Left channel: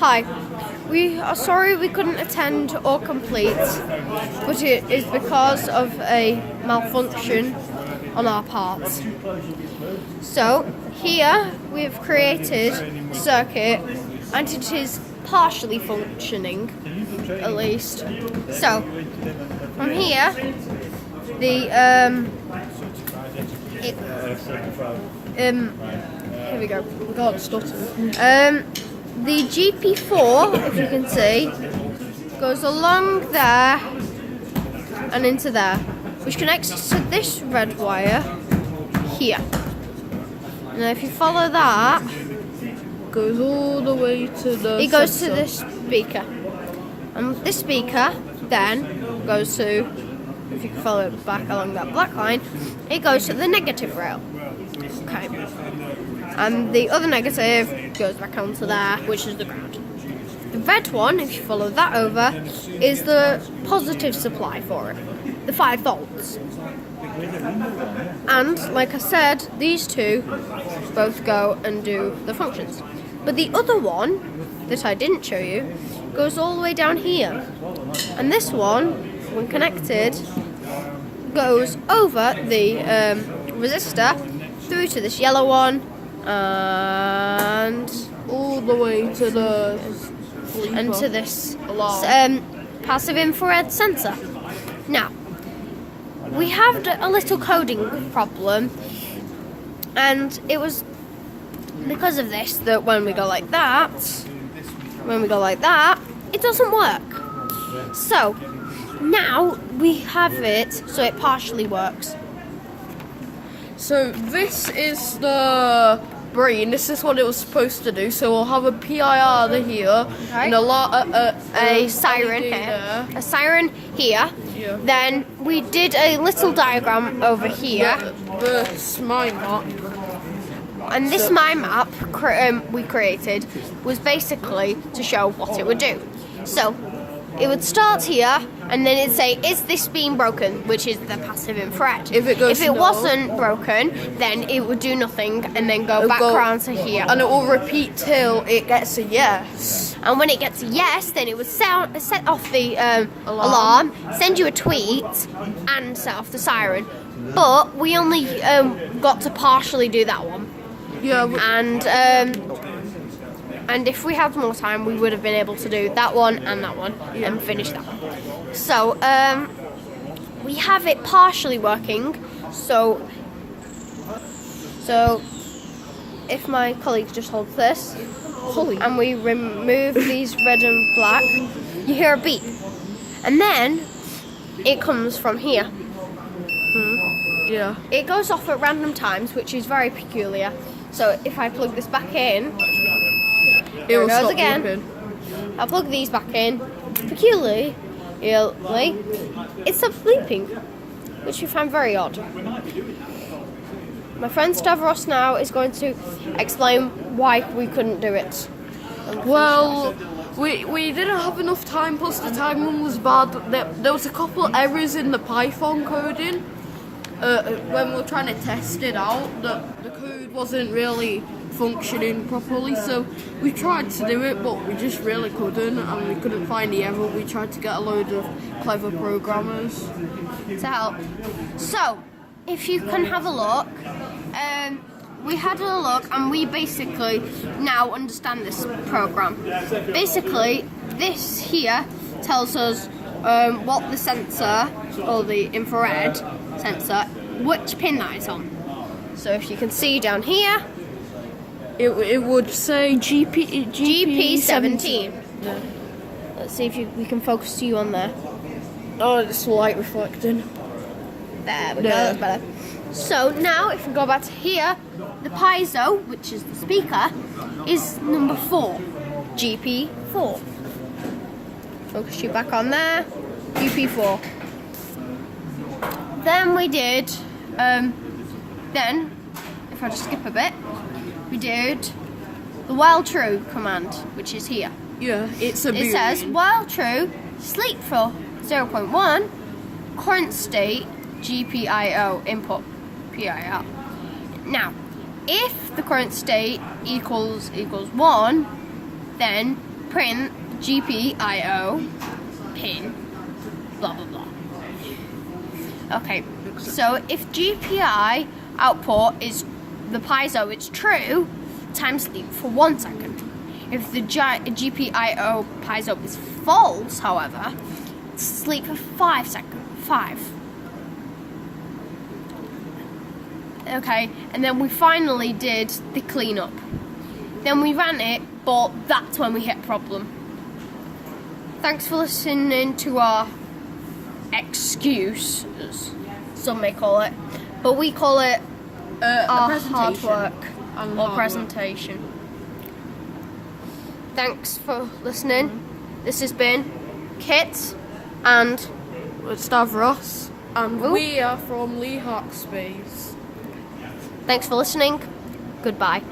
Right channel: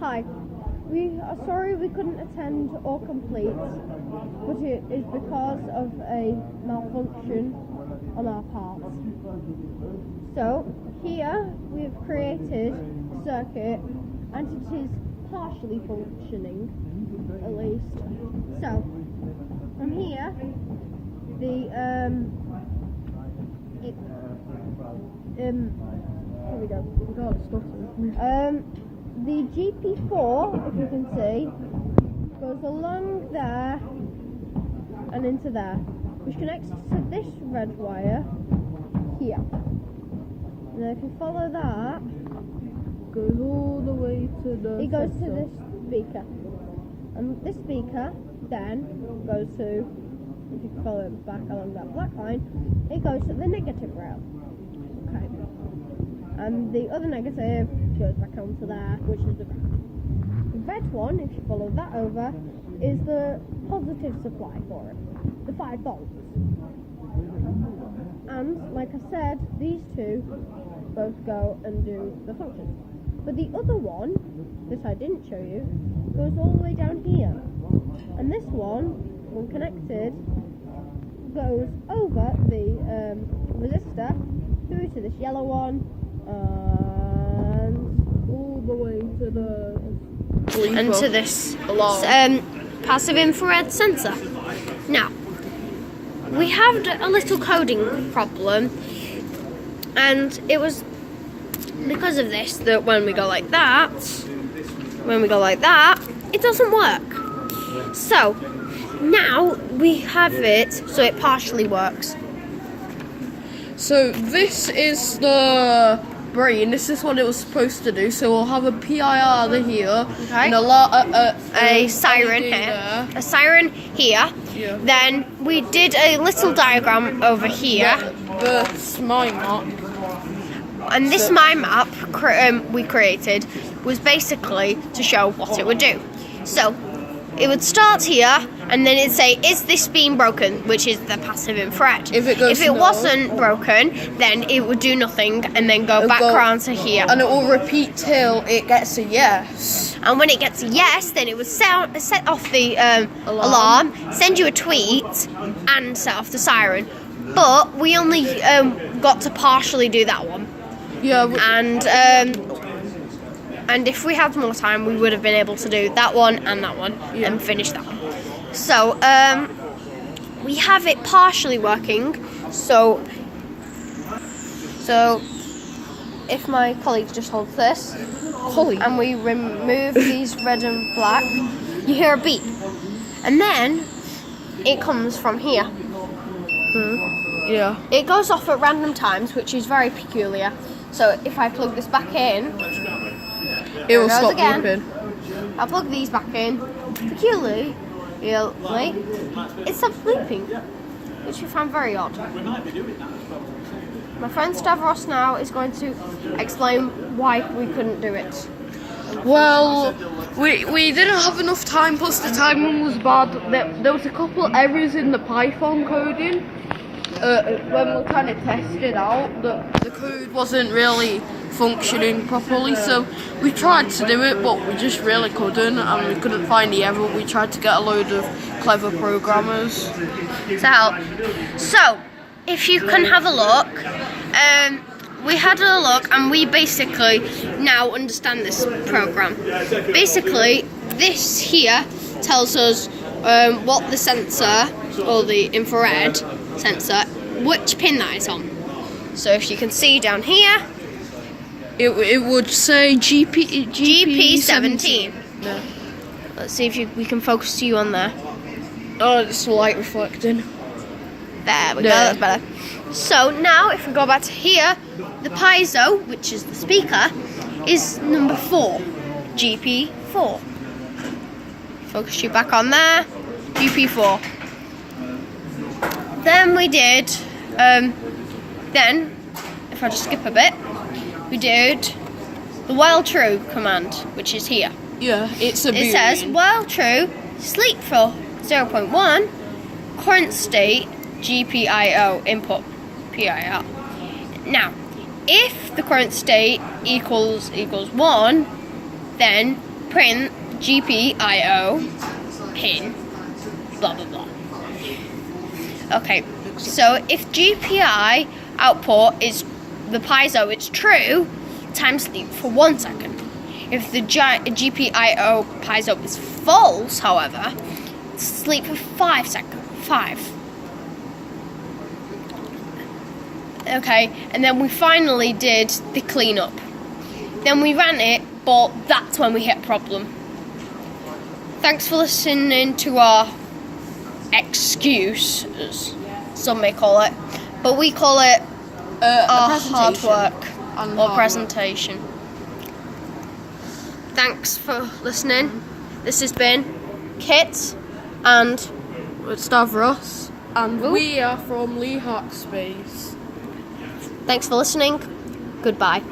Hi, we are sorry we couldn't attend or complete, but it is because of a malfunction on our part. So, here we have created a circuit and it is partially functioning, at least. So, from here, here we go. We can't stutter. The GP4, if you can see, goes along there and into there, which connects to this red wire here. And if you follow that, Goes all the way to the it goes to sensor. this speaker. And this speaker then goes to, if you can follow it back along that black line, it goes to the negative rail. Okay. And the other negative goes back onto there, which is the ground. The red one, if you follow that over, is the positive supply for it, the 5 volts. And like I said, these two both go and do the functions. But the other one that I didn't show you goes all the way down here. And this one, when connected, goes over the resistor through to this yellow one and All the way to the sleeper. and to this alarm. passive infrared sensor. Now, we had a little coding problem, and it was because of this that when we go like that, it doesn't work. So now we have it so it partially works. So this is the brain. This is what it was supposed to do. So we'll have a PIR here Okay. and A siren LED here, there. a siren here. Yeah. Then we did a little diagram over here. This my map. And this mind map we created was basically to show what it would do. So it would start here, and then it'd say, "Is this being broken?" Which is the passive infrared. If it goes no. wasn't broken, then it would do nothing, and then go back around to here. And it will repeat till it gets a yes. And when it gets a yes, then it would set off the alarm, send you a tweet, and set off the siren. But we only got to partially do that one. Yeah. And if we had more time, we would have been able to do that one and finish that one. So we have it partially working. So if my colleague just holds this, and we remove these red and black, you hear a beep, and then it comes from here. Yeah. It goes off at random times, which is very peculiar. So if I plug this back in, It will goes stop again. beeping. I plug these back in, peculiarly, it stops bleeping, which we find very odd. My friend Stavros now is going to explain why we couldn't do it. Well, we didn't have enough time, plus the timing was bad. There was a couple errors in the Python coding. When we were trying to test it out, the code wasn't really functioning properly, so we tried to do it, but we just really couldn't, and we couldn't find the error. We tried to get a load of clever programmers To help. So, if you can have a look, we had a look and we basically now understand this program. Basically, this here tells us what the sensor, or the infrared sensor, which pin that is on. So if you can see down here, it would say GP17. Yeah. Let's see if we can focus you on there. Oh, it's light reflecting. There we go, Yeah. that's better. So now if we go back to here, the piezo, which is the speaker, is number 4, GP4. Focus you back on there, GP4. Then we did, then, if I just skip a bit, we did the while true command, which is here. Yeah, it's a It says, boolean. while true, sleep for 0.1, current state, GPIO, input, PIR. Now, if the current state equals 1, then print GPIO pin, blah blah blah. Okay, so if GPI output is the piezo, it's true, time sleep for 1 second. If the GPIO piezo is false, however, sleep for 5 seconds. 5. Okay, and then we finally did the cleanup. Then we ran it, but that's when we hit a problem. Thanks for listening to our excuse, as some may call it, but we call it our hard work or presentation. Thanks for listening. This has been Kit and Stavros, and we are from Leigh Hackspace. Thanks for listening. Goodbye.